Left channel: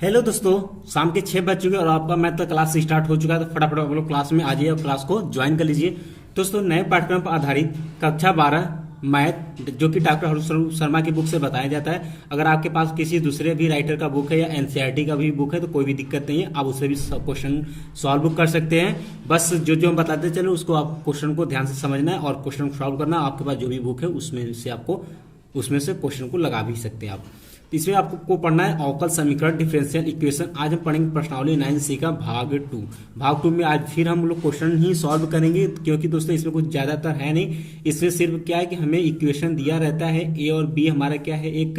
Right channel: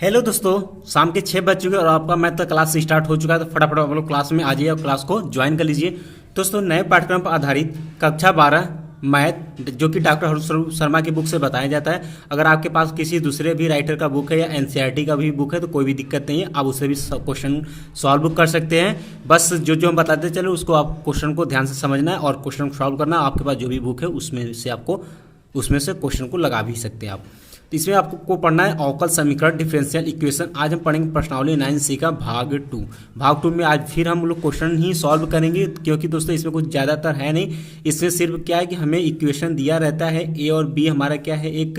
Hello दोस्तों, शाम के 6 बज चुके हैं और आपका मैथ का क्लास स्टार्ट हो चुका है। तो फटाफट आप लोग क्लास में आ जाइए और क्लास को ज्वाइन कर लीजिए। दोस्तों, नए पाठ्यक्रम पर आधारित कक्षा 12 मैथ जो कि डॉक्टर हरुण शर्मा की बुक से बताया जाता है। अगर आपके पास किसी दूसरे भी राइटर का बुक है या एनसीईआरटी का भी बुक है तो कोई भी दिक्कत नहीं है, आप उससे भी क्वेश्चन सॉल्व कर सकते हैं। बस जो जो हम बताते चले उसको आप क्वेश्चन को ध्यान से समझना है और क्वेश्चन सॉल्व करना है। आपके पास जो भी बुक है उसमें से क्वेश्चन को लगा भी सकते हैं आप। तो इसमें आपको पढ़ना है अवकल समीकरण डिफरेंशियल इक्वेशन। आज हम पढ़ेंगे प्रश्नावली 9C का भाग 2। भाग 2 में आज फिर हम लोग क्वेश्चन ही सॉल्व करेंगे, क्योंकि दोस्तों इसमें कुछ ज़्यादातर है नहीं। इसमें सिर्फ क्या है कि हमें इक्वेशन दिया रहता है, ए और बी हमारा क्या है, एक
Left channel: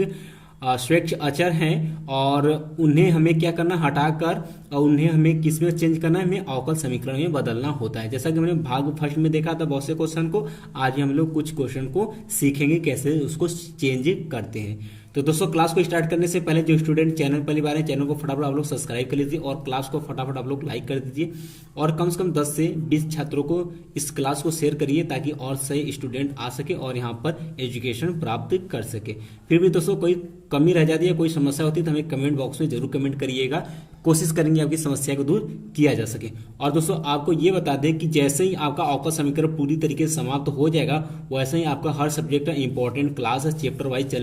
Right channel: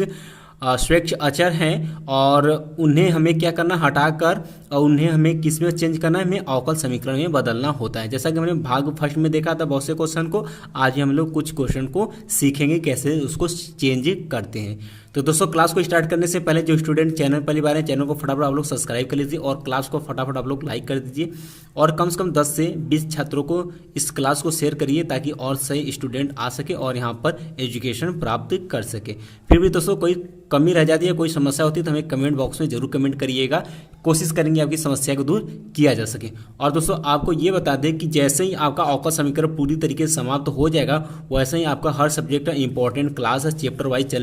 स्वैच्छ अचर हैं और उन्हें हमें क्या करना, हटाकर और उन्हें हमें किस में चेंज करना है, हमें अवकल समीकरण में बदलना होता है। जैसा कि हमने भाग फर्स्ट में देखा था बहुत से क्वेश्चन को, आज हम लोग कुछ क्वेश्चन को सीखेंगे कैसे उसको चेंज करते हैं। तो दोस्तों, क्लास को स्टार्ट करने से पहले जो स्टूडेंट चैनल पहली बार है, चैनल को फटाफट आप लोग सब्सक्राइब कर लीजिए और क्लास को फटाफट आप लोग लाइक कर दीजिए और कम से कम 10 से 20 छात्रों को इस क्लास को शेयर करिए ताकि और सही स्टूडेंट आ सके और यहाँ पर एजुकेशन प्राप्त कर सके। फिर भी दोस्तों कोई कमी रह जाती है, कोई समस्या होती है तो हमें कमेंट बॉक्स में जरूर कमेंट करिएगा, कोशिश करेंगे आपकी समस्या को दूर किया जा सके। और दोस्तों आपको ये बता दें कि जैसे ही आपका अवकल समीकरण पूरी तरीके से समाप्त हो जाएगा, वैसे ही आपका हर सब्जेक्ट का इंपॉर्टेंट क्लास है चैप्टर वाइज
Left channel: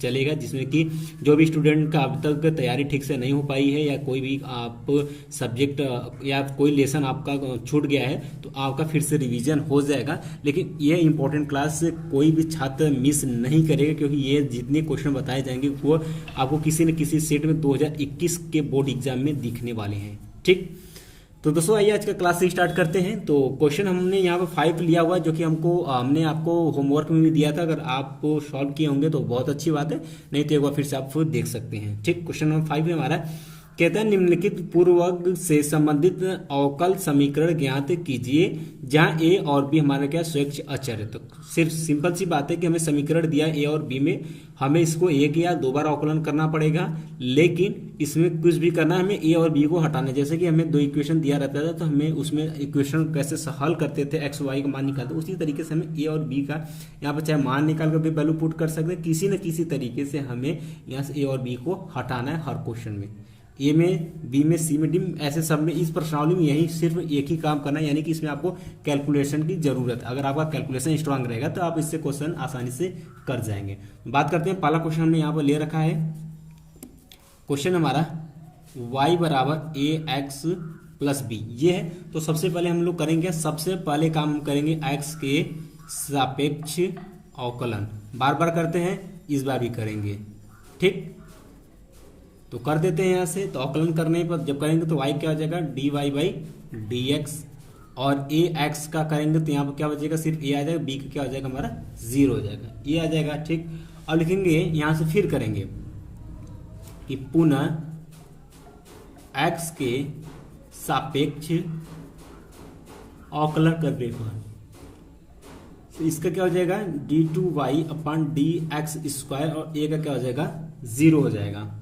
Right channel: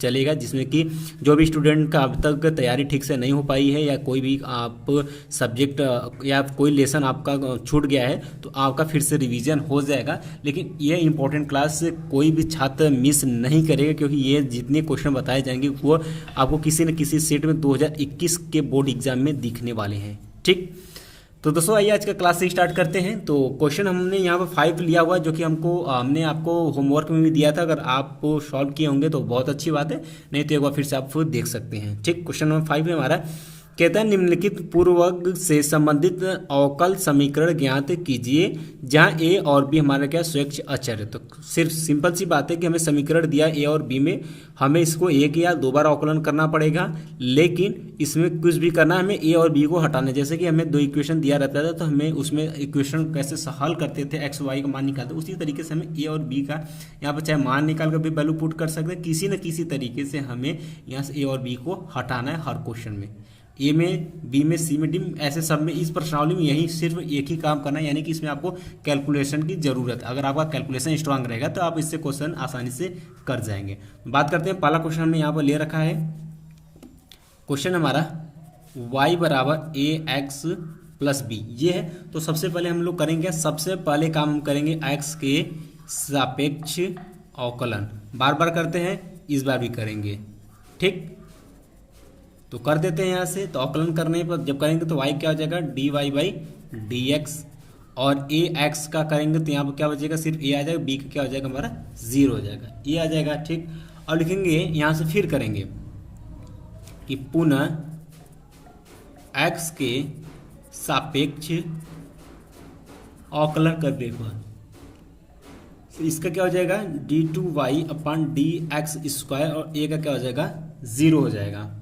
चलेगा, जिसमें कि जो भी स्टूडेंट का अब तक तैयारी ठीक से नहीं हो पाई है या कोई भी आप सब्जेक्ट या कोई लेसन आपका छूट गया है तो आपका फिर से रिवीजन हो जाएगा। लेकिन ये इंपॉर्टेंट क्लास कोई भी छात्र मिस नहीं करेगा, क्योंकि ये जितने क्वेश्चन बताए जाएंगे वो आपको किसी न किसी सेट में 2021 के बोर्ड एग्जाम में दिखने वाले हैं। ठीक, तो दोस्तों आइए आज का क्लास से स्टार्ट करते हैं। तो क्वेश्चन हमने यहाँ पर 5 लिया हुआ जो कि हमने आपको होमवर्क में भी दिया था। अगर आप सॉल्व किए होंगे तो बहुत अच्छी बात है, नहीं तो एक बार फिर से आप देख सकते हैं। ठीक, क्वेश्चन नंबर 5 में हमारा कहता है निम्नलिखित पूर्ववर्ग से संबंधित अवकल समीकरण ज्ञात कीजिए जहां ए और बी हमारा क्या स्वैच्छ अचर है। तो सिर्फ सिंपल सी बात है कि हमें समीकरण दिया ए और बी में, हमें इसको एक या दो बार अवकलन करना पड़ेगा, लेकिन इसमें कुछ भी करना, हमें ए और बी को हटाना। जैसे कि हमें 2 इक्वेशन दिया रहता था तो हमें उसमें इक्वेशन कैसे हल करते थे, एक्स वाई का मान निकालते, उसी तरीके से हमें ए और बी का यहाँ पर चाहे मान निकाल कर भी वैल्यू पुट कर सकते हैं। किसी न किसी तरीके से हमें यहाँ से ए और बी को हटाना है हर क्वेश्चन में, ए में, बी में, सी में, डी में, ऐसे सब में। इस प्रश्नावली में यही सिर्फ एक ही काम करना है, यानी कि इसमें आपको कैलकुलेशन की जरूरत है। अगर आपका कैलकुलेशन स्ट्रांग रहेगा तो आप इससे क्वेश्चन आसानी से कर जाएंगे। बात करते हैं, पहला क्वेश्चन हमने यहाँ पर ले रखा है। क्वेश्चन हमारा y बराबर ए एक्स प्लस बी ये है। तो सबसे पहले हम लोग करेंगे, सबसे पहले काम हम करेंगे x के सापेक्ष अवकलन। बार बार करते हैं, इस बार भी करेंगे। ठीक, तो कर देते हैं यहाँ से। तो अवकलन करने पर जब करेंगे तो y क्या हो जाएगा, dy बाई डी एक्स, और ए एक्स का करेंगे तो यहाँ पर क्या बचेगा, सिर्फ ए आ जाएगा, बी का क्या हो जाएगा हमारा 0 हो जाएगा, ये आ जाएगा। ठीक, और लिखेंगे यहाँ से फिर करेंगे कि पुनः x के सापेक्ष अवकलन करने पर तो इसका क्या हो जाएगा, d2y upon D X square, और ए का क्या हो जाएगा 0 हो जाएगा।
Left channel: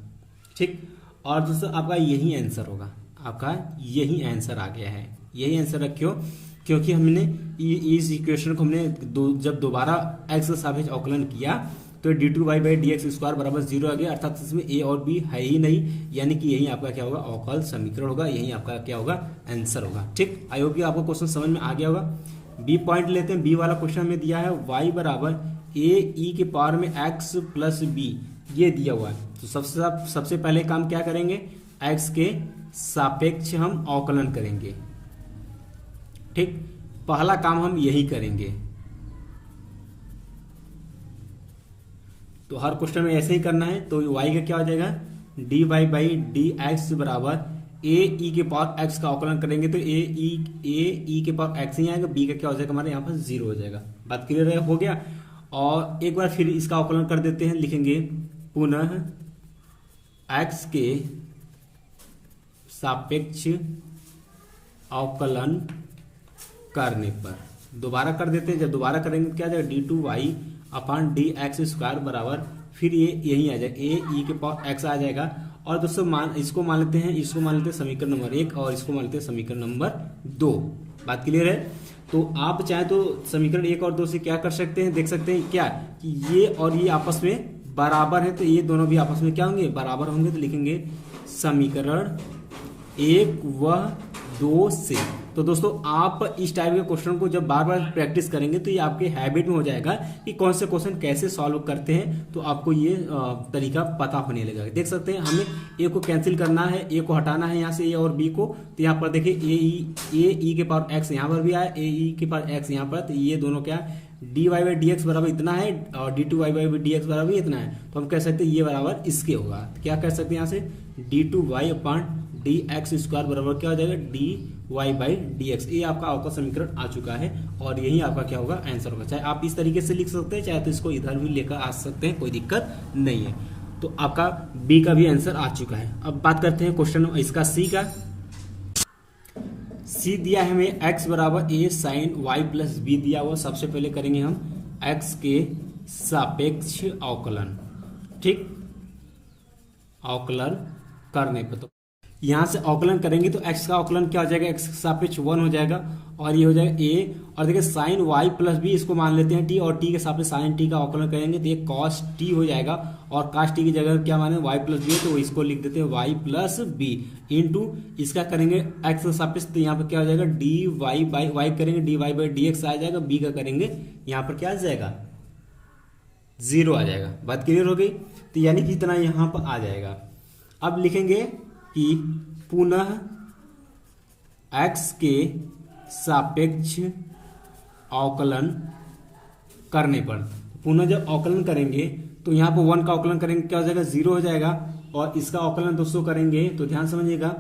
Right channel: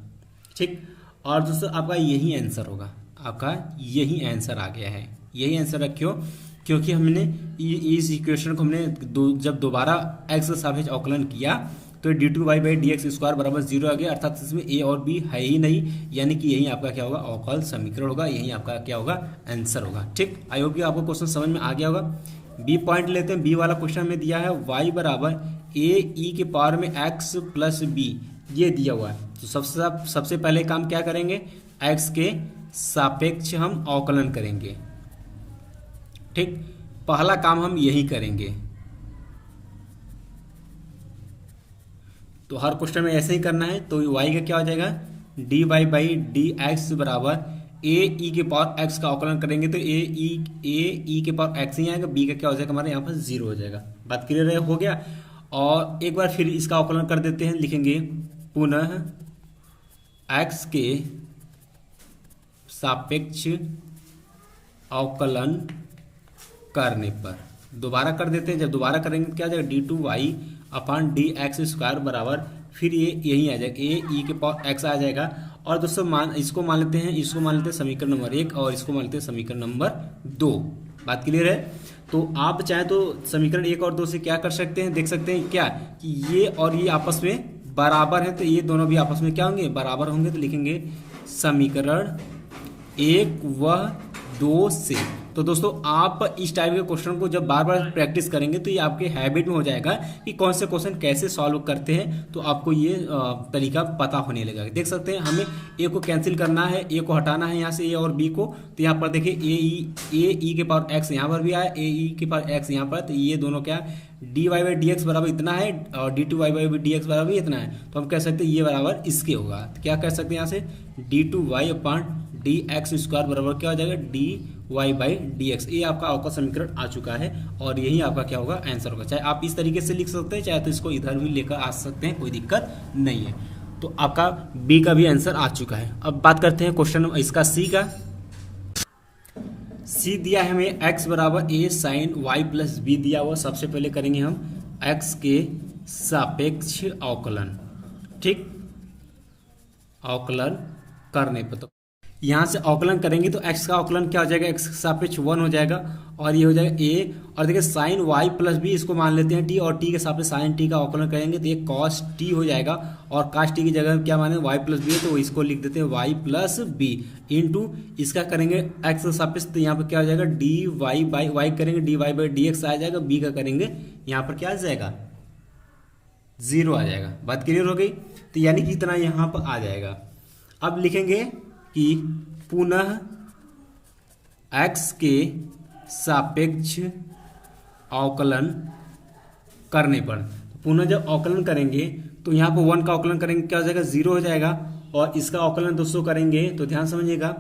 ठीक, और दोस्तों आपका यही आंसर होगा, आपका यही आंसर आ गया है। यही आंसर रखियो, क्योंकि हमने इस इक्वेशन को हमने जब दोबारा x का सापेक्ष अवकलन किया तो d2y by D X square बराबर 0 आ गया, अर्थात इसमें a और b है ही नहीं, यानी कि यही आपका क्या होगा, अवकल समीकरण होगा, यही आपका क्या होगा, आंसर होगा। ठीक, आई होप कि आपको क्वेश्चन समझ में आ गया होगा। बी पॉइंट लेते हैं। बी वाला क्वेश्चन में दिया है y बराबर ए ई के पावर में x प्लस बी, ये दिया हुआ है। तो सबसे पहले काम क्या करेंगे, x के सापेक्ष हम अवकलन करेंगे। ठीक, पहला काम हम यही करेंगे। तो हर क्वेश्चन में ऐसे ही करना है। तो y का क्या हो जाएगा, dy बाई डी एक्स बराबर ए ई के पावर x का अवकलन करेंगे तो ए ई के पावर x ही आएगा, b का क्या हो जाएगा हमारे यहाँ पर 0 हो जाएगा। बात क्लियर हो गया। और एक बार फिर इसका अवकलन कर देते हैं, लिखेंगे पुनः x के सापेक्ष अवकलन करने पर, दोबारा कर देते हैं। जब दोबारा करेंगे क्या आ जाएगा, d2y upon D X square बराबर फिर ये यही आ जाएगा, ए ई के पावर x आ जाएगा। और दोस्तों इसको मान लेते हैं समीकरण नंबर 1 और इसको मान लेते हैं समीकरण नंबर 2। बात क्लियर है। तो आप चाहे तो समीकरण 1 और 2 से क्या कर सकते हैं, देख सकते हैं क्या कि ये और ये आपस में बराबर है, तो ये दोनों भी आपस में क्या होंगे, बराबर होंगे। तो लिखेंगे समीकरण 1 व 2 से। तो दोस्तों आप इस टाइप के क्वेश्चन को जब बार बार प्रैक्टिस करेंगे तो ये आपके हैबिट में हो जाएगा कि कौन से क्वेश्चन कैसे सॉल्व करते हैं, तो आपको ये तरीका पता होने लगेगा। देख सकते हैं हमें ए को कैंसिल करना है, ए को हटाना है यहाँ से ए और बी को, तो यहाँ पर देखिए ए ई के पावर एक्स यहाँ पर भी आया, ए ई के पावर एक्स यहाँ पर, तो ये दोनों क्या D Y by D X बराबर इतना है और D two Y by D X बराबर इतना है, तो हम कह सकते हैं ये बराबर इसके होगा। तो क्या कह सकते हैं यहाँ से D two Y upon D X square बराबर क्या हो जाएगा D Y by D X. ये आपका समीकरण आ चुका है और यही आपका क्या होगा आंसर होगा। चाहे आप इस तरीके से लिख सकते हैं, चाहे तो इसको इधर भी लेकर आ सकते हैं, कोई दिक्कत नहीं है। तो आपका बी का भी आंसर आ चुका है। अब बात करते हैं क्वेश्चन इसका सी का। सी दिया है हमें x बराबर ए साइन वाई प्लस बी दिया हुआ। सबसे पहले करेंगे हम x के सापेक्ष अवकलन, ठीक, अवकलन करने पर तो यहां से अवकलन करेंगे तो x का अवकलन क्या हो जाएगा, x के सापेक्ष 1 हो जाएगा और ये हो जाएगा a, और देखिए साइन y प्लस बी इसको मान लेते हैं t, और t के सापेक्ष साइन t का अवकलन करेंगे तो ये cos t हो जाएगा, और cos t की जगह क्या माने y प्लस बी, तो इसको लिख देते हैं y प्लस बी इंटू इसका करेंगे x के सापेक्ष, तो यहाँ पर क्या हो जाएगा डी वाई बाई वाई करेंगे D Y by D X आ जाएगा, b का करेंगे यहाँ पर क्या आ जाएगा 0 आ जाएगा। बात क्लियर हो गई, तो यानी कि इतना यहाँ पर आ जाएगा। अब लिखेंगे कि पुनः x के सापेक्ष अवकलन करने पर, पुनः जब अवकलन करेंगे तो यहाँ पर 1 का अवकलन करेंगे क्या हो जाएगा 0 हो जाएगा, और इसका अवकलन दोस्तों करेंगे तो ध्यान समझिएगा,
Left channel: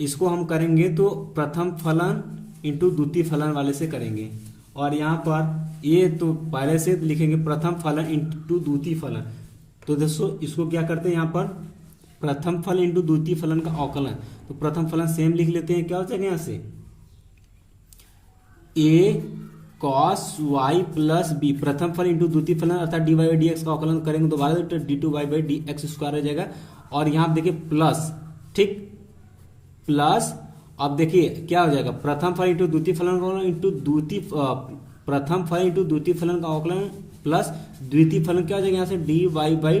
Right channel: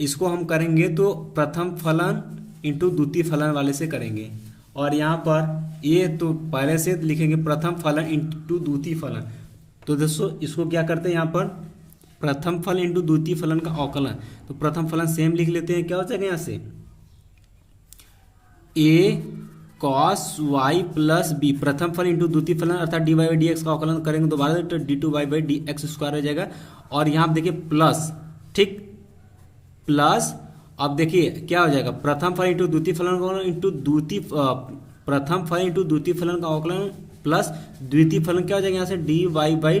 इसको हम करेंगे तो प्रथम फलन इंटू द्वितीय फलन वाले से करेंगे, और यहाँ पर ये तो पहले से लिखेंगे प्रथम फलन इंटू द्वितीय फलन। तो दोस्तों इसको क्या करते हैं यहाँ पर प्रथम फलन इंटू द्वितीय फलन का अवकलन, तो प्रथम फलन सेम लिख लेते हैं, क्या हो जाएगा यहाँ से a cos y plus B, प्रथम फलन इंटू द्वितीय फलन अर्थात D Y by D X का अवकलन करेंगे दोबारा तो D two Y by D X square हो जाएगा, और यहाँ आप देखिए प्लस, ठीक, प्लस अब देखिए क्या हो जाएगा प्रथम फलन इंटू द्वितीय फलन इंटू द्वितीय प्रथम फलन इंटू द्वितीय फलन का अवकलन प्लस द्वितीय फलन क्या हो जाएगा यहाँ से D Y by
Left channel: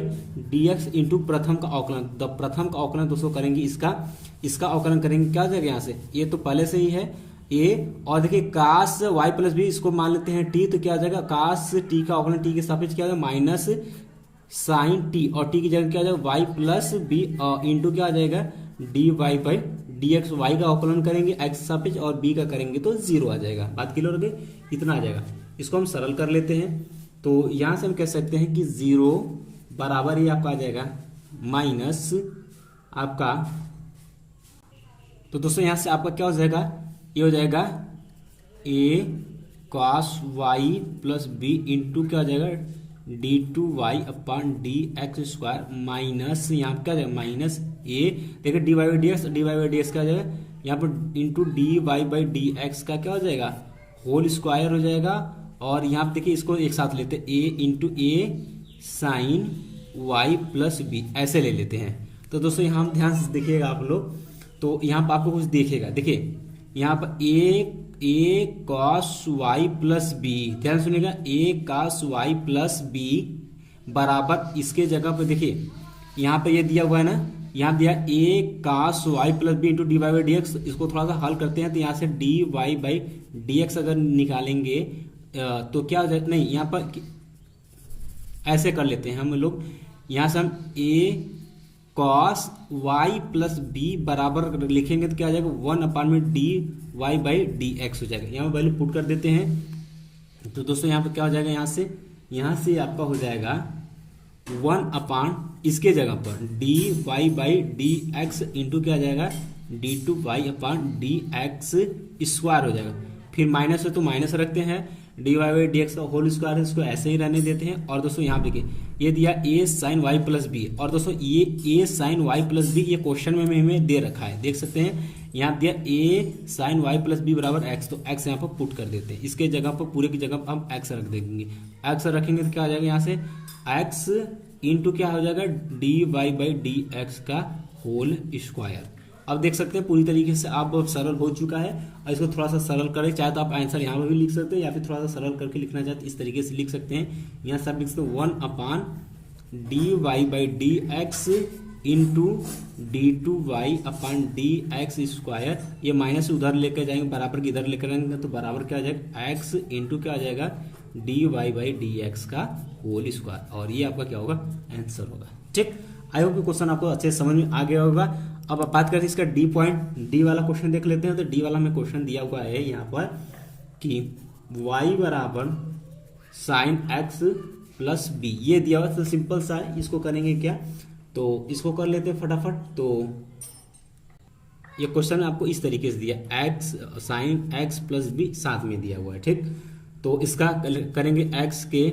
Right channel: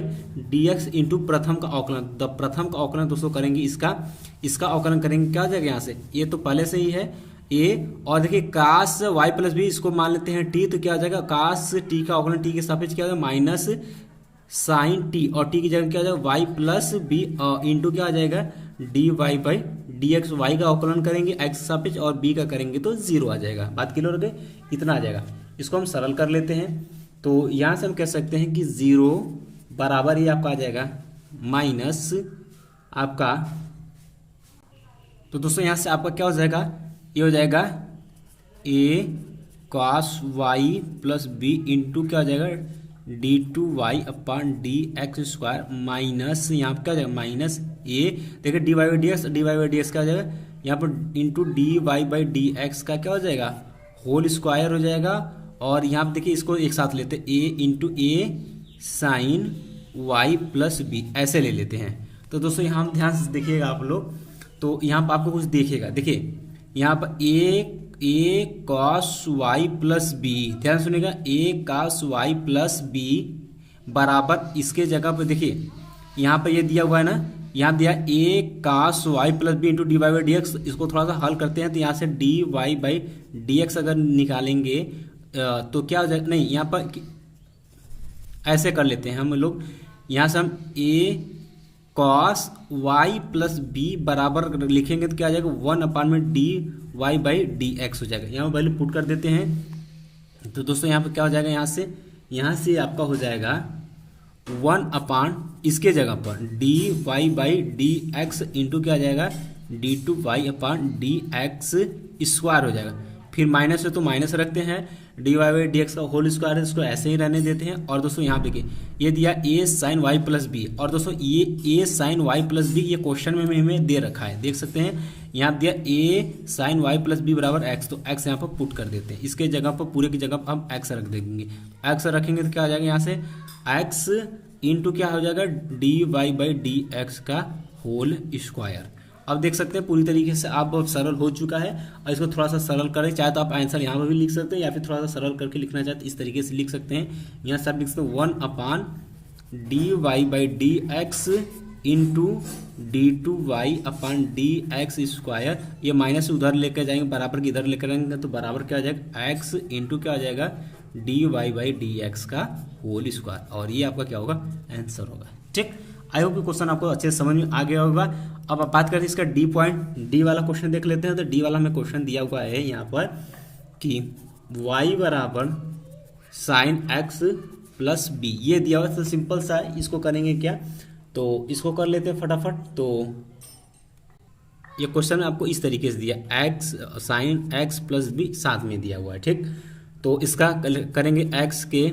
D X into प्रथम का अवकलन। तो प्रथम का अवकलन दोस्तों करेंगे इसका अवकलन करेंगे क्या हो जाएगा यहाँ से, ये तो पहले से ही है ए, और देखिए कास वाई प्लस बी इसको मान लेते हैं टी, तो क्या हो जाएगा कास टी का अवकलन टी के सापेक्ष क्या हो जाएगा माइनस साइन टी, और टी की जगह क्या हो जाएगा वाई प्लस बी इंटू क्या आ जाएगा D Y by D X, Y का अवकलन करेंगे एक्स सापेक्ष और बी का करेंगे तो 0 आ जाएगा। बात क्लियर हो गई, इतना आ जाएगा। इसको हम सरल कर लेते हैं, तो यहां से हम कह सकते हैं कि 0 बराबर ही आपका आ जाएगा माइनस आपका, तो दोस्तों यहां से आपका क्या हो जाएगा, ये हो जाएगा a cos y plus B into क्या हो जाएगा D two Y upon D X square minus यहाँ पर क्या हो जाएगा माइनस a, देखिए D Y by D X क्या हो जाएगा यहाँ पर into D Y by D X का क्या हो जाएगा होल स्क्वायर हो जाएगा, और यहाँ पर देखिए इसको एक साथ लेते हैं a into A sine Y plus B ऐसे ले लेते हैं। तो दोस्तों यहाँ ध्यान से देखिएगा आप लोग, तो यहाँ पर आपको कुछ देखेगा, देखिए यहाँ पर ए कॉस वाई प्लस बी, ध्यान सुनिएगा ए कॉस वाई प्लस बी बराबर इसके जगह पर देखिए यहाँ पर ये दिया हुआ है ना, यहाँ दिया A cos Y plus B into D Y by D X, इसको थोड़ा सा हल करते हैं तो यहाँ से D Y by D X अगर निकालेंगे तो क्या हो जाएगा, नहीं यहाँ पर ऐसे कर लेते हैं हम लोग, यहाँ से हम A cos Y plus B बराबर लिखेंगे तो क्या आ जाएगा 1 अपॉन में D Y by D X हो जाएगा। यहाँ वैल्यू पुट कर देते हैं, तो दोस्तों यहाँ पे क्या हो जाएगा, यहाँ से आपका हो जाएगा 1 अपॉन इसके जगह पर D Y by D X into क्या आ जाएगा D two Y upon D X square हो जाएगा। फिर माइनस है तो माइनस रखते हैं, D Y by D X का होल स्क्वायर है इसको ऐसे ही रहने देते हैं, और दोस्तों यहाँ पे ये दिया ए साइन वाई प्लस बी, और दोस्तों ये ए साइन वाई प्लस बी ये क्वेश्चन में हमें दे रखा है, देख सकते हैं यहाँ दिया ए साइन वाई प्लस बी बराबर एक्स, तो एक्स यहाँ पर पुट कर देते हैं, इसके जगह पर पूरे की जगह पर हम एक्स रख देंगे, एक्स रखेंगे तो क्या आ जाएगा यहाँ से एक्स इंटू क्या हो जाएगा D Y by D X का होल स्क्वायर। अब देख सकते हैं पूरी तरीके से आप सरल हो चुका है, और इसको थोड़ा सा सरल करें, चाहे तो आप आंसर यहाँ पर भी लिख सकते हैं या फिर थोड़ा सा सरल करके लिखना चाहते इस तरीके से लिख सकते हैं। यहाँ सब लिख सकते हैं 1 upon D Y by D X into D two Y upon D X square, ये माइनस उधर लेकर जाएंगे, बराबर की इधर लेकर जाएंगे तो बराबर क्या आ जाएगा एक्स इंटू क्या आ जाएगा D Y by D X का होल स्क्वायर, और ये आपका क्या होगा आंसर होगा। ठीक, आई होप क्वेश्चन आपको अच्छे से समझ में आ गया होगा। अब आप बात करते हैं इसका डी पॉइंट, डी वाला क्वेश्चन देख लेते हैं। तो डी वाला हमें क्वेश्चन दिया हुआ है यहाँ पर कि y बराबर साइन एक्स प्लस बी, ये दिया हुआ तो सिंपल सा है, इसको करेंगे क्या, तो इसको कर लेते हैं फटाफट। तो ये क्वेश्चन आपको इस तरीके से दिया, X sine X plus B साथ में दिया हुआ है। ठीक, तो इसका करेंगे एक्स के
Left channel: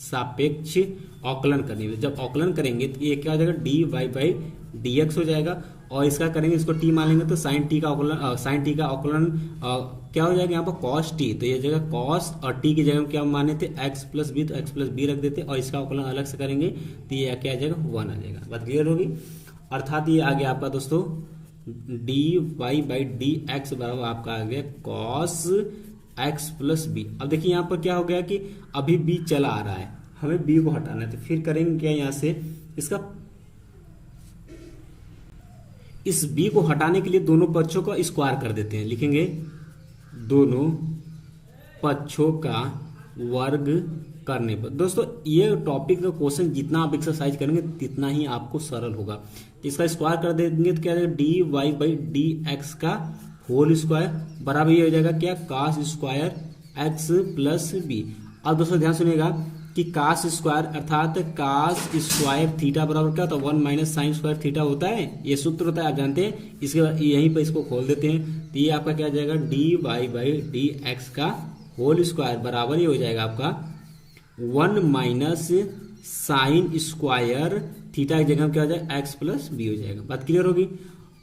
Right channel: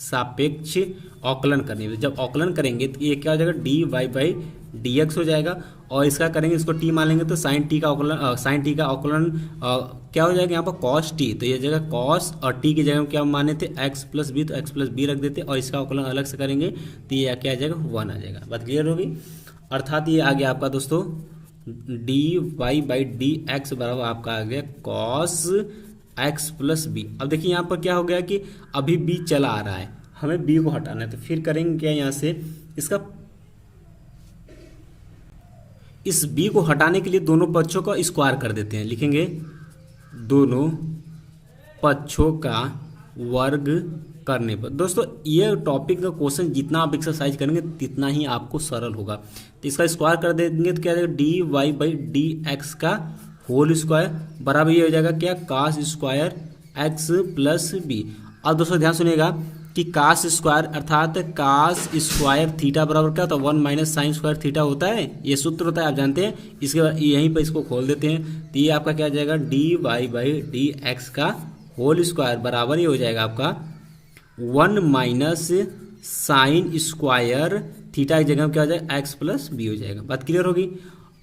सापेक्ष अवकलन करने में, जब अवकलन करेंगे तो ये क्या हो जाएगा D Y by D X हो जाएगा, और इसका करेंगे इसको टी मान लेंगे तो साइन टी का अवकलन, साइन टी का अवकलन क्या हो जाएगा यहाँ पर कॉस टी, तो ये जगह कॉस और टी की जगह क्या माने थे एक्स प्लस बी, तो एक्स प्लस बी रख देते और इसका अवकलन अलग से करेंगे तो ये क्या आ जाएगा 1 आ जाएगा। बात क्लियर होगी। अर्थात ये आ गया आपका दोस्तों D Y by D X बराबर आपका आ गया कॉस एक्स प्लस बी। अब देखिए यहाँ पर क्या हो गया कि अभी बी चला आ रहा है, हमें बी को हटाना है, तो फिर करेंगे क्या यहाँ से इसका, इस b को हटाने के लिए दोनों पक्षों का स्क्वायर कर देते हैं, लिखेंगे दोनों पक्षों का वर्ग करने पर। दोस्तों ये टॉपिक का क्वेश्चन जितना आप एक्सरसाइज करेंगे तितना ही आपको सरल होगा। तो इसका स्क्वायर कर देंगे तो क्या हो जाएगा D Y by D X का होल स्क्वायर बराबर ये हो जाएगा क्या cos square X plus B. अब दोस्तों ध्यान सुनिएगा कि कास स्क्वायर अर्थात कास स्क्वायर थीटा बराबर क्या होता है 1 माइनस साइन स्क्वायर थीटा होता है, ये सूत्र होता है आप जानते हैं। इसके बाद यहीं पर इसको खोल देते हैं तो ये आपका क्या आ जाएगा D Y by D X का होल स्क्वायर बराबर ये हो जाएगा आपका 1 माइनस साइन स्क्वायर थीटा की जगह क्या हो जाएगा एक्स प्लस बी हो जाएगा। बात क्लियर होगी।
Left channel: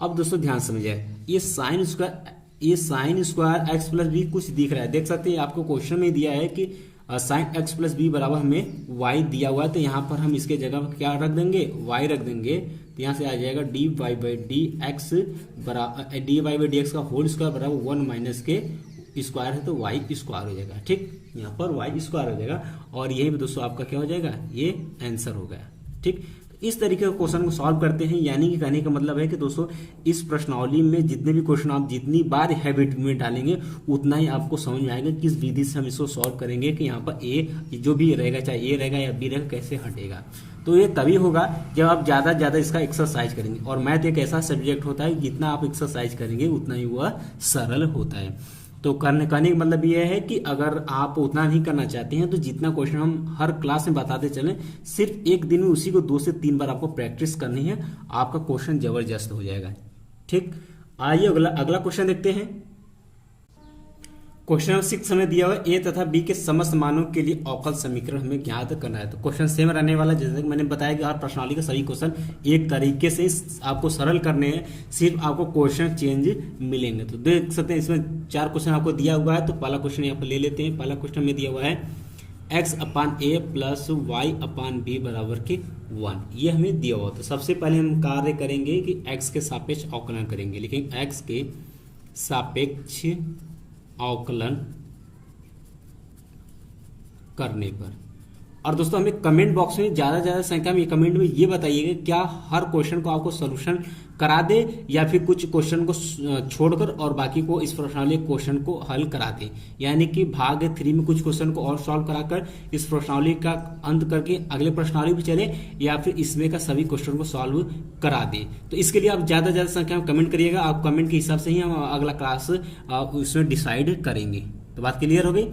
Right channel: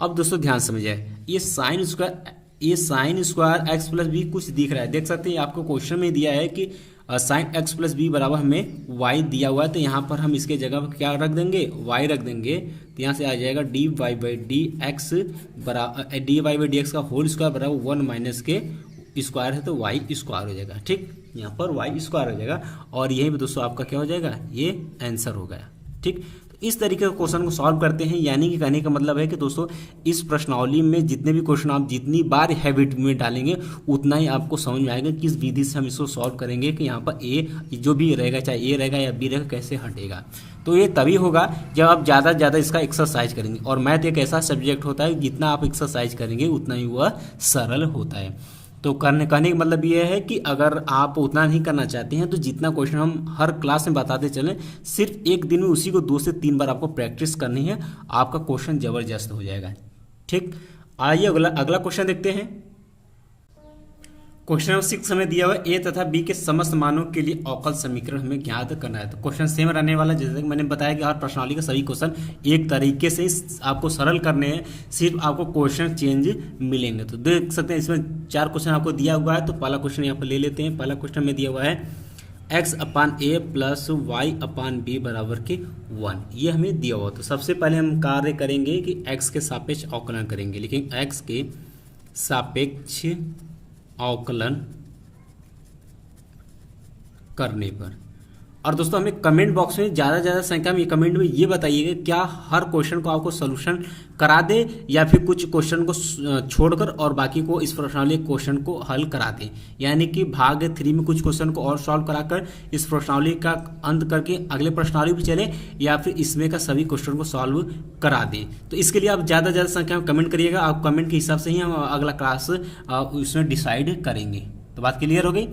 अब दोस्तों ध्यान समझिए ये sine square X plus B कुछ दिख रहा है, देख सकते हैं आपको क्वेश्चन में दिया है कि साइन एक्स प्लस बी बराबर हमें वाई दिया हुआ है, तो यहाँ पर हम इसके जगह पर क्या रख देंगे वाई रख देंगे, तो यहाँ से आ जाएगा D Y by D X बराबर D Y by D X का होल स्क्वायर बराबर 1 माइनस के स्क्वायर है तो वाई स्क्वायर हो जाएगा। ठीक, यहाँ पर वाई स्क्वायर हो जाएगा और यही पे दोस्तों आपका क्या हो जाएगा ये आंसर हो गया। ठीक, इस तरीके के क्वेश्चन को सॉल्व करते हैं, यानी कि कहने का मतलब है कि दोस्तों इस प्रश्नावली में जितने भी क्वेश्चन आप जितनी बार हैबिट में डालेंगे उतना ही आपको समझ में आएगा किस विधि से हम इसको सॉल्व करेंगे कि यहाँ पर ए जो भी रहेगा चाहे ए रहेगा या बी रहेगा कैसे हटेगा। तो ये तभी होगा जब आप ज़्यादा से ज़्यादा इसका एक्सरसाइज करेंगे, और मैथ एक ऐसा सब्जेक्ट होता है जितना आप एक्सरसाइज करेंगे उतना ही वह सरल होता है। तो कहने का मतलब ये है कि अगर आप उतना नहीं करना चाहते हैं तो जितना क्वेश्चन हम हर क्लास में बताते चलें, सिर्फ एक दिन में उसी को 2 से 3 बार आपको प्रैक्टिस करनी है, आपका क्वेश्चन जबरदस्त हो जाएगा। ठीक, आइए अगला क्वेश्चन देखते हैं। क्वेश्चन नंबर 6 हमें दिया हुआ ए तथा बी के समस्त मानों के लिए अवकल समीकरण हमें ज्ञात करना है। तो क्वेश्चन सेम रहने वाला, जैसे कि मैंने बताया कि हर प्रश्नावली के सभी क्वेश्चन एक तरीके से आपको सरल करने हैं, सिर्फ आपको क्वेश्चन चेंज मिलेंगे। तो देख सकते हैं इसमें 4 क्वेश्चन आपको दिया हुआ है, तो पहला क्वेश्चन यहाँ पर ले लेते हैं। पहला क्वेश्चन में दिया हुआ है x अपान ए प्लस वाई अपान बी बराबर के 1, ये हमें दिया हुआ। तो सबसे पहले हम कार्य करेंगे कि x के सापेक्ष अवकलन करेंगे, लेकिन x के सापेक्ष अवकलन करने पर। और दोस्तों हमें कमेंट बॉक्स में ज्यादा संख्या में कमेंट में ये बताइएगा क्या हर क्वेश्चन को आपको सोल्यूशन करा दे या फिर कुछ क्वेश्चन को छोड़कर और बाकी को इस प्रश्नावली क्वेश्चन को हल करा दे, यानी कि भाग 3 में कुछ क्वेश्चन को और सॉल्व कराकर इस प्रश्नावली का अंत करके अगले प्रश्नावली भी चले, या फिर इसमें का सभी क्वेश्चन को सॉल्व करा दे। तो इसके लिए आप ज्यादा संख्या में कमेंट करिएगा, आप कमेंट के हिसाब से ही हम अगला क्लास उसमें डिसाइड करेंगे। तो बात क्लियर हो गई।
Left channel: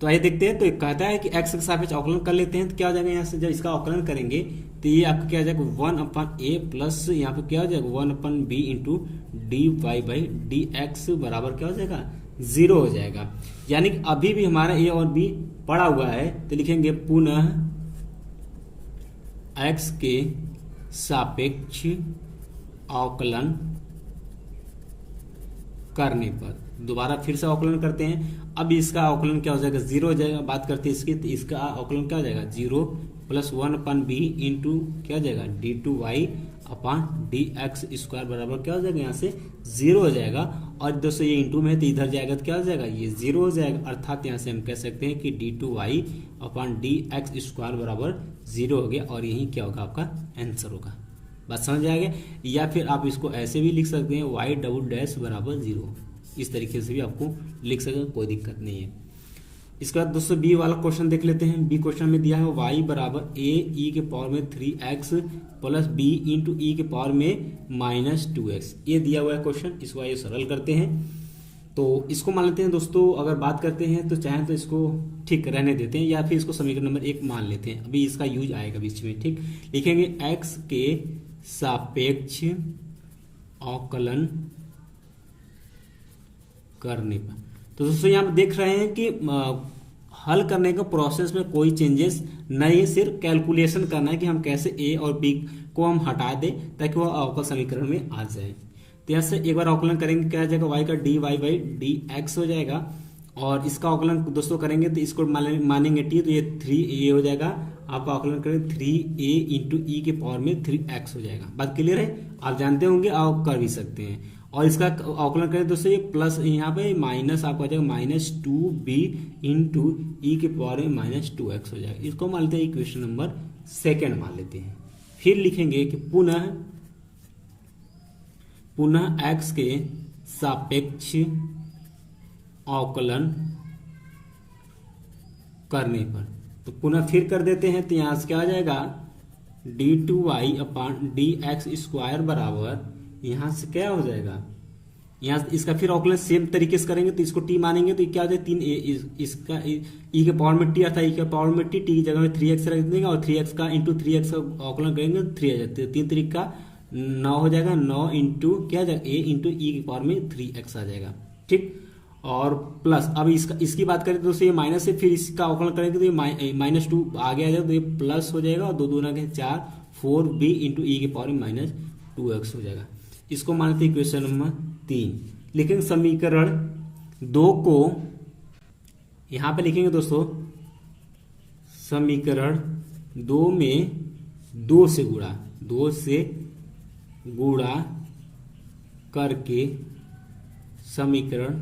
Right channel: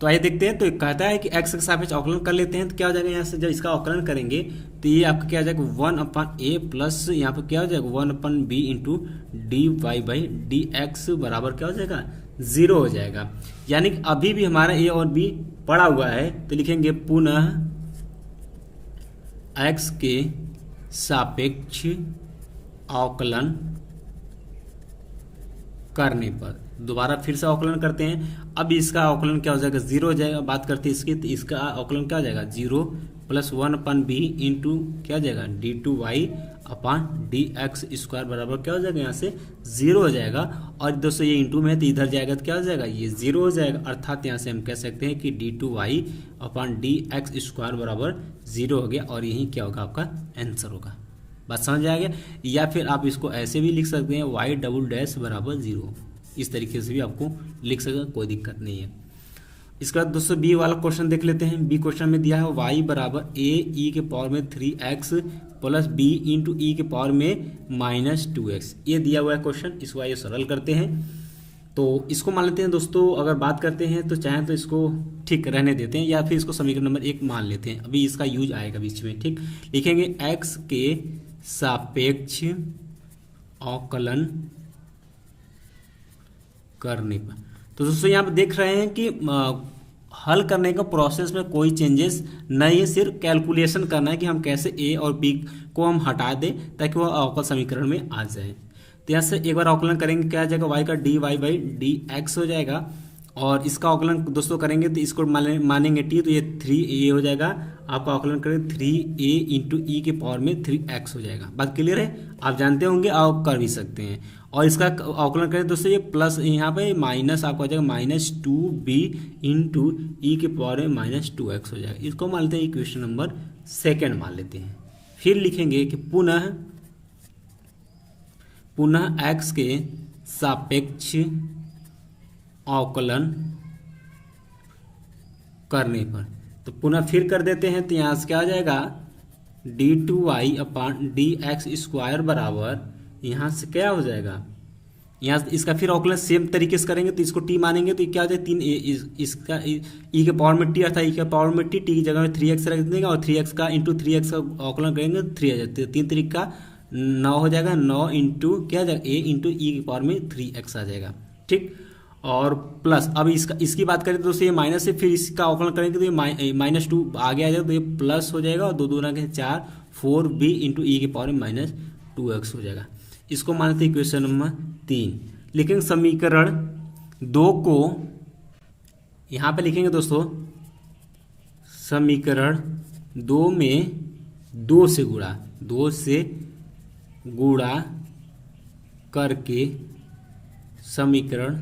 तो आइए देखते हैं। तो कहता है कि x के सापेक्ष अवकलन कर लेते हैं, तो क्या हो जाएगा यहाँ से जब इसका अवकलन करेंगे तो ये आपका क्या हो जाएगा 1 अपान ए प्लस यहाँ पे क्या हो जाएगा 1 upon B into D Y by D X बराबर क्या हो जाएगा 0 हो जाएगा। यानी कि अभी भी हमारा ए और बी पड़ा हुआ है, तो लिखेंगे पुनः x के सापेक्ष अवकलन करने पर। दोबारा फिर से अवकलन करते हैं। अब इसका अवकलन क्या हो जाएगा 0 हो जाएगा। बात करते हैं इसकी, तो इसका अवकलन क्या हो जाएगा 0 प्लस 1 अपान बी इंटू क्या हो जाएगा D two Y upon D X square बराबर क्या हो जाएगा यहाँ से 0 हो जाएगा। और दोस्तों ये इंटू में है तो इधर जाएगा तो क्या हो जाएगा ये 0 हो जाएगा। अर्थात यहाँ से हम कह सकते हैं कि D two Y upon D X square बराबर 0 हो गया, और यही क्या होगा आपका आंसर होगा। बात समझ आ गया। या फिर आप इसको ऐसे भी लिख सकते हैं y डबल डैश बराबर 0, इस तरीके से भी आपको लिख सकते हैं, कोई दिक्कत नहीं है। इसके बाद दोस्तों बी वाला क्वेश्चन देख लेते हैं। बी क्वेश्चन में दिया है y बराबर a e के पावर में 3x प्लस b इंटू ई के पावर में -2x, ये दिया हुआ है क्वेश्चन। इसको आइए सरल करते हैं। तो इसको मान लेते हैं दोस्तों, अगर बात करते हैं तो चाहें तो इसको ठीक रहने देते हैं या फिर इसको समीकरण नंबर 1 मान लेते हैं। अभी इसका यूज आएगा बीच में, ठीक। लिखेंगे x के सापेक्ष अवकलन करने पर। तो दोस्तों यहाँ पे देख रहे हैं कि हल करने का प्रोसेस में कोई चेंजेस नहीं है, सिर्फ कैलकुलेशन करना है कि हम कैसे a और b को हम हटा दें ताकि वह अवकल समीकरण में आ जाए। तो यहाँ से एक बार अवकलन करेंगे, क्या आ जाएगा y का dy बाई डी एक्स हो जाएगा। और इसका अवकलन दोस्तों करेंगे तो इसको मानेंगे t, तो ये 3a हो जाएगा। आपका अवकलन करेंगे 3a इंटू ई के पावर में 3x हो जाएगा। बात क्लियर है, आप जानते होंगे, आप कर भी सकते हैं। और इसका अवकलन करें दोस्तों, ये प्लस यहाँ पे माइनस आपका हो जाएगा -2b इंटू ई के पावर में -2x हो जाएगा। इसको मान लेते हैं इक्वेशन नंबर 2 मान लेते हैं। फिर लिखेंगे कि पुनः x के सापेक्ष अवकलन करने पर, तो पुनः फिर कर देते हैं। तो यहाँ से क्या हो जाएगा d2y अपान डी एक्स स्क्वायर बराबर, यहाँ से क्या हो जाएगा, यहाँ इसका फिर अवकलन सेम तरीके से करेंगे। तो इसको t मानेंगे तो क्या हो जाएगा 3a, इसका e के पावर में t अर्थात e के पावर में t की जगह में 3x रख देंगे और 3x का इंटू 3x का अवकलन करेंगे तो 3 आ जाते हैं। 3 तरीक का 9 हो जाएगा, 9 इंटू क्या हो जाएगा a इंटू ई के पावर में 3x आ जाएगा, ठीक। और प्लस अब इसकी बात करें तो दोस्तों ये माइनस से फिर इसका अवकलन करेंगे तो ये -2 आगे आ जाएगा, तो ये प्लस हो जाएगा और 2 दूना के 4 4b इंटू ई के पावर में -2x हो जाएगा। इसको मानते हैं इक्वेशन नंबर 3। लेकिन समीकरण 2 को यहां पे लिखेंगे दोस्तों, समीकरण 2 में 2 से गुणा करके समीकरण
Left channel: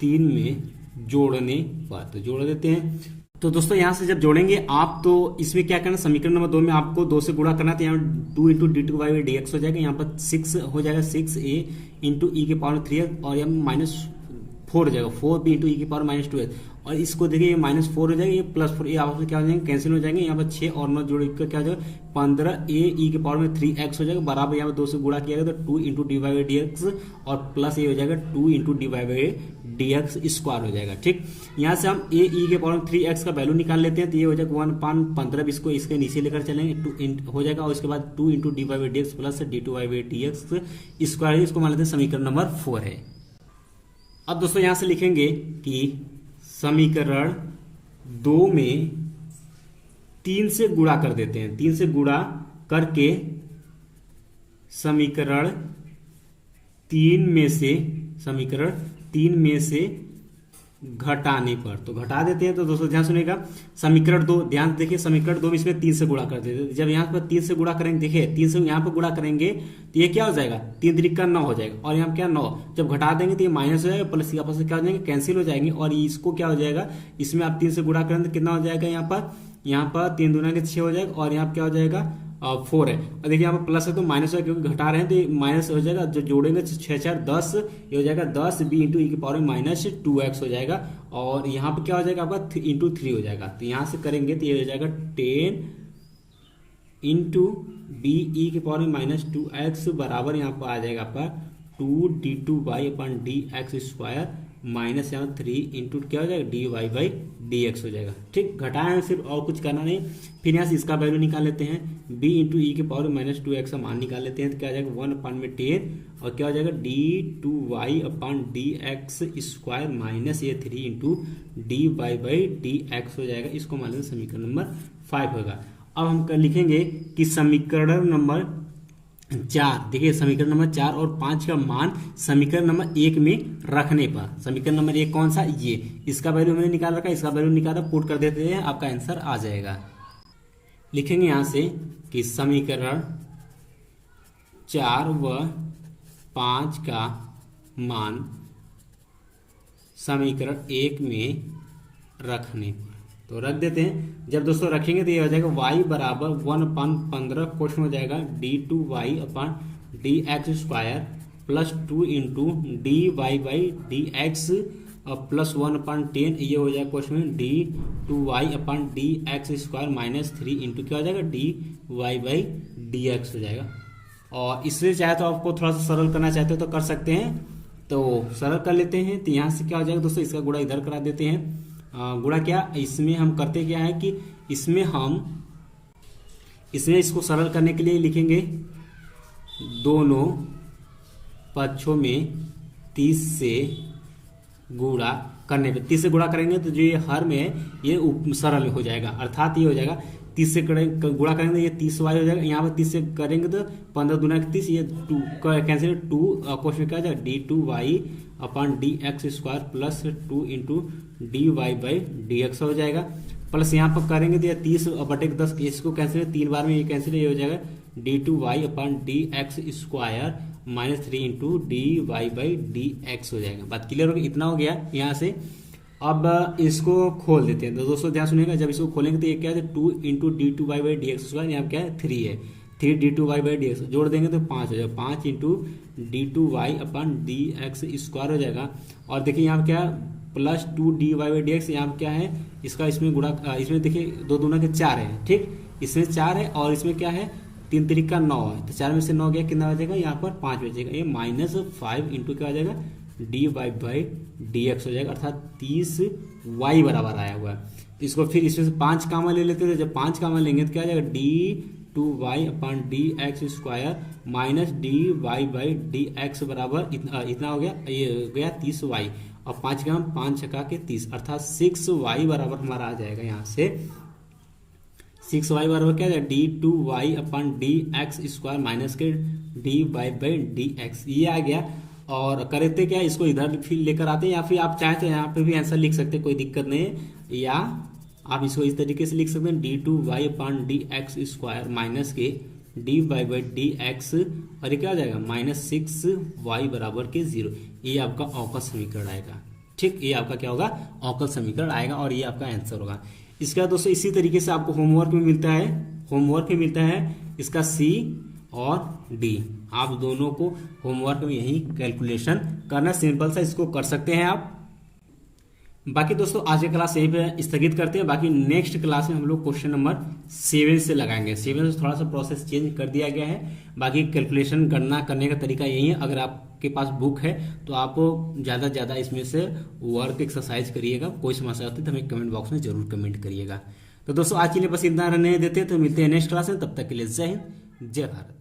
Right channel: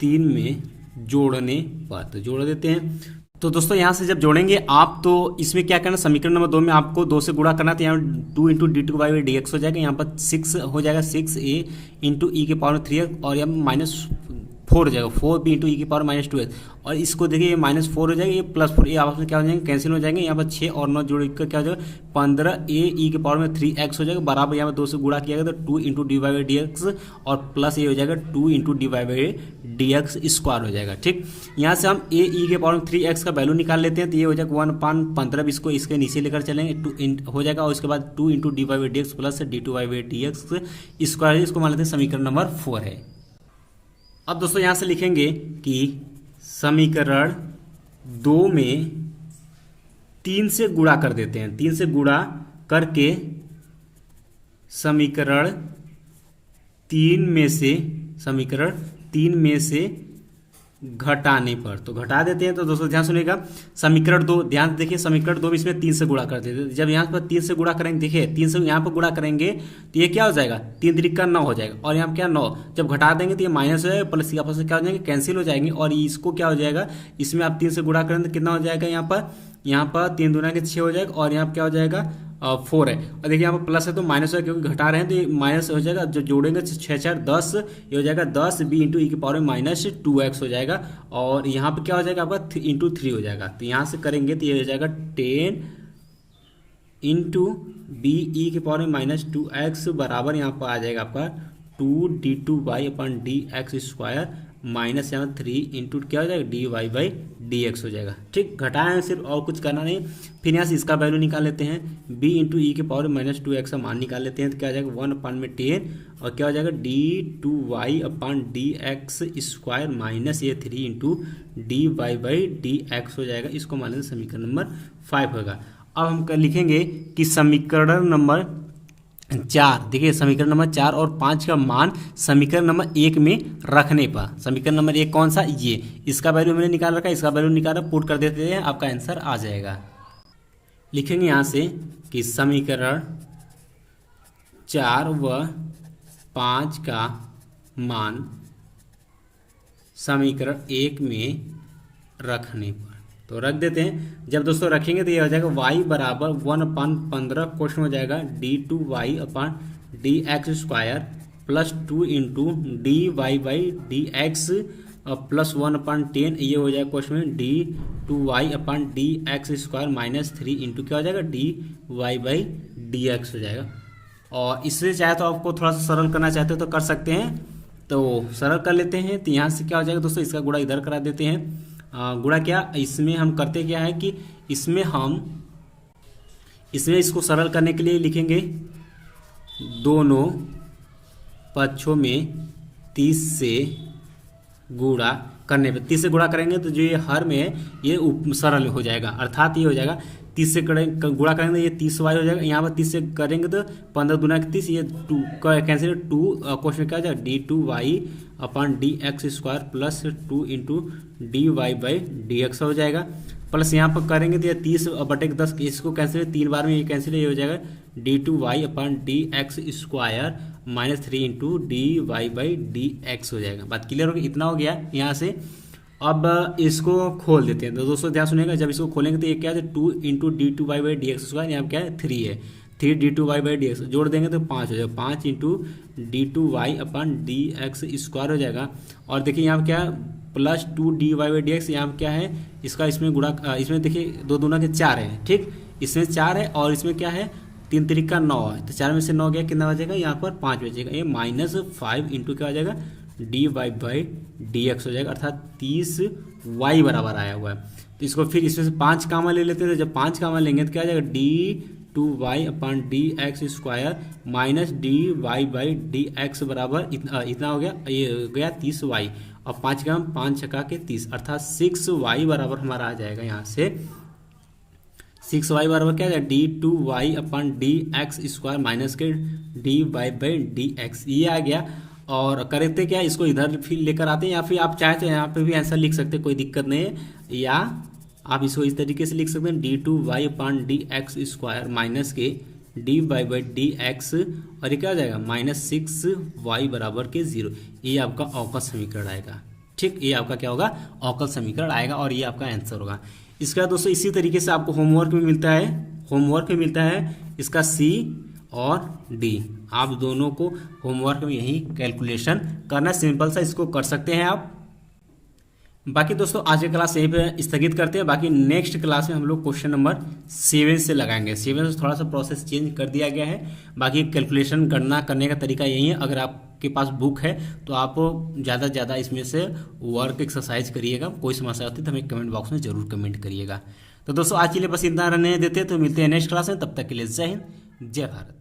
3 में जोड़ने पर, तो जोड़ देते हैं। तो दोस्तों यहाँ से जब जोड़ेंगे आप, तो इसमें क्या करना, समीकरण नंबर 2 में आपको 2 से गुणा करना, तो यहाँ 2 into D two by D X हो जाएगा। यहाँ पर 6 हो जाएगा, 6a इंटू ई के पावर 3x और यहाँ -4 हो जाएगा, 4b इंटू ई के पावर -2x। और इसको देखिए ये -4 हो जाएगा, ये +4, ये आपस में क्या हो जाएंगे, कैंसिल हो जाएंगे। यहाँ पर 6 और 9 जोड़ कर क्या हो जाएगा 15a ई के पावर में 3x हो जाएगा, बराबर यहाँ पर 2 से गुणा किया गया तो 2 into D by D x और प्लस ये हो जाएगा 2 into D by D X square हो जाएगा, ठीक। यहाँ से हम a ई के पावर में 3x का वैल्यू निकाल लेते हैं, तो ये हो जाएगा 1/15, इसको इसके नीचे लेकर चलेंगे 2 हो जाएगा। और उसके बाद 2 into D by D x plus D two by D X square, इसको मान लेते हैं समीकरण नंबर 4 है। अब दोस्तों यहां से लिखेंगे कि समीकरण 2 में 3 से गुणा कर देते हैं, 3 से गुणा करके समीकरण 3 में से घटाने पर, तो घटा देते हैं। तो दोस्तों ध्यान सुनिएगा, समीकरण 2 ध्यान देखिए, समीकरण 2 में इसमें 3 से गुणा कर देते हैं। जब यहाँ पर 3 से गुणा करेंगे, देखिए 3 से यहाँ पर गुणा करेंगे तो ये क्या हो जाएगा 3 त्रिक का 9 हो जाएगा, और यहाँ क्या 9 जब घटा देंगे तो ये माइनस हो जाएगा, प्लस आपस में क्या हो जाएंगे कैंसिल हो जाएंगे। और इसको क्या हो जाएगा, इसमें आप 3 से गुणा करेंगे तो कितना हो जाएगा, यहाँ पर 3 दूना के 6 हो जाएगा, और यहाँ क्या हो जाएगा 4 है। और देखिए यहाँ पर प्लस है तो माइनस है, क्योंकि घटा रहे हैं तो ये माइनस हो जाएगा। जो जोड़ेंगे 6 4 10, ये हो जाएगा 10b इंटू ई के पावर में -2x हो जाएगा। और यहाँ पे क्या हो जाएगा आपका इंटू 3 हो जाएगा। तो यहाँ से करेंगे तो ये हो जाएगा 10 इंटू बी ई के पावर में -2x बराबर यहाँ पर आ जाएगा आपका 2d2y अपन डी एक्स स्क्वायर माइनस यहाँ 3 इंटू क्या हो जाएगा dy बाई डी एक्स हो जाएगा, ठीक। घटाएं सिर्फ, और कुछ करना नहीं। फिर यहाँ से इसका वैल्यू निकाल लेते हैं, b इंटू ई के पावर -2x का मान निकाल लेते हैं, तो क्या हो जाएगा 1/10 और क्या हो जाएगा d2y अपन डी एक्स स्क्वायर माइनस ये 3 into dy by D X हो जाएगा। इसको मान लेते समीकरण नंबर 5 होगा। अब हम लिखेंगे कि समीकरण नंबर 4, देखिए समीकरण नंबर 4 और 5 का मान समीकरण नंबर 1 में रखने पर, समीकरण नंबर 1 कौन सा, ये इसका वैल्यू मैंने निकाल रखा है, इसका वैल्यू निकाल पुट कर देते हैं, आपका आंसर आ जाएगा। लिखेंगे यहां से कि समीकरण 4 व 5 का मान समीकरण 1 में रखने पर, तो रख देते हैं। जब दोस्तों रखेंगे तो ये हो जाएगा y बराबर 1/15 क्वेश्चन हो जाएगा d2y अपन dx² plus 2 into dy/dx plus 1/10 ये हो जाएगा क्वेश्चन में d2y अपन dx² माइनस 3 इंटू क्या हो जाएगा dy/dx हो जाएगा। और इससे चाहे तो आपको थोड़ा सा सरल करना चाहते हो तो कर सकते हैं, तो सरल कर लेते हैं। तो यहाँ से क्या हो जाएगा दोस्तों, इसका गुणा इधर करा देते हैं। गुणा क्या, इसमें हम करते क्या है कि इसमें इसको सरल करने के लिए लिखेंगे दोनों पक्षों में 30 से गुणा करने पर, 30 से गुणा करेंगे तो जो ये हर में है ये सरल हो जाएगा, अर्थात ये हो जाएगा 30 से गुणा करेंगे ये 30y हो जाएगा। यहाँ पर 30 से करेंगे तो 15 दूना 30, ये 2 कैंसिल 2 क्वेश्चन क्या हो जाएगा d2y अपन dx² प्लस 2 इंटू dy/dx हो जाएगा। प्लस यहाँ पर करेंगे तो ये 30/10 इसको कैंसिल 3 बार में ये कैंसिल ये हो जाएगा d2y अपन dx² माइनस 3 इंटू dy/dx हो जाएगा। बात क्लियर हो गई, इतना हो गया यहाँ से। अब इसको खोल देते हैं तो दोस्तों ध्यान सुनिएगा, जब इसको खोलेंगे तो ये क्या है 2 इंटू d2y/dx², यहाँ क्या है 3 है, 3 d2y/dx जोड़ देंगे तो 5 हो जाएगा, 5 इंटू d2y अपन dx² हो जाएगा। और देखिए यहाँ क्या है प्लस 2 dy/dx, यहाँ क्या है इसका इसमें गुणा, इसमें देखिए 2 दूना के 4 है, ठीक, इसमें 4 है और इसमें क्या है 3 तरीका 9 है, तो 4 में से 9 गया कितना बचेगा, यहाँ पर 5 बचेगा, ये -5 इंटू क्या हो जाएगा dy/dx हो जाएगा, अर्थात 30y बराबर आया हुआ है। तो इसको फिर इसमें से 5 कामा ले लेते हैं, तो जब 5 कामा लेंगे तो क्या आ जाएगा d2y अपन dx² माइनस dy/dx बराबर इतना हो गया, ये हो गया 30y और 5 का 5 छका के 30, अर्थात 6y बराबर हमारा आ जाएगा। यहाँ से 6y बराबर क्या है d2y अपन dx² माइनस के dy/dx ये आ गया। और करते क्या इसको इधर फिर लेकर आते हैं, या फिर आप चाहे तो यहाँ पे भी ऐसा लिख सकते हैं, कोई दिक्कत नहीं है, या आप इसको इस तरीके से लिख सकते हैं d2y अपन dx² माइनस के dy/dx और ये क्या आ जाएगा -6y बराबर के 0। ये आपका अवकल समीकरण आएगा, ठीक, ये आपका क्या होगा अवकल समीकरण आएगा और ये आपका आंसर होगा। इसका दोस्तों इसी तरीके से आपको होमवर्क में मिलता है इसका C और D, आप दोनों को होमवर्क में यही कैलकुलेशन करना, सिंपल सा इसको कर सकते हैं आप। बाकी दोस्तों आज की क्लास यहीं पे स्थगित करते हैं, बाकी नेक्स्ट क्लास में हम लोग क्वेश्चन नंबर 7 से लगाएंगे। 7 से थोड़ा सा प्रोसेस चेंज कर दिया गया है, बाकी कैलकुलेशन गणना करने का तरीका यही है। अगर आपके पास बुक है तो आप ज़्यादा से ज़्यादा इसमें से वर्क एक्सरसाइज करिएगा, कोई समस्या होती है तो हमें कमेंट बॉक्स में जरूर कमेंट करिएगा। तो दोस्तों आज के लिए बस इतना रहने देते हैं, तो मिलते हैं नेक्स्ट क्लास में, तब तक के लिए जय हिंद जय भारत।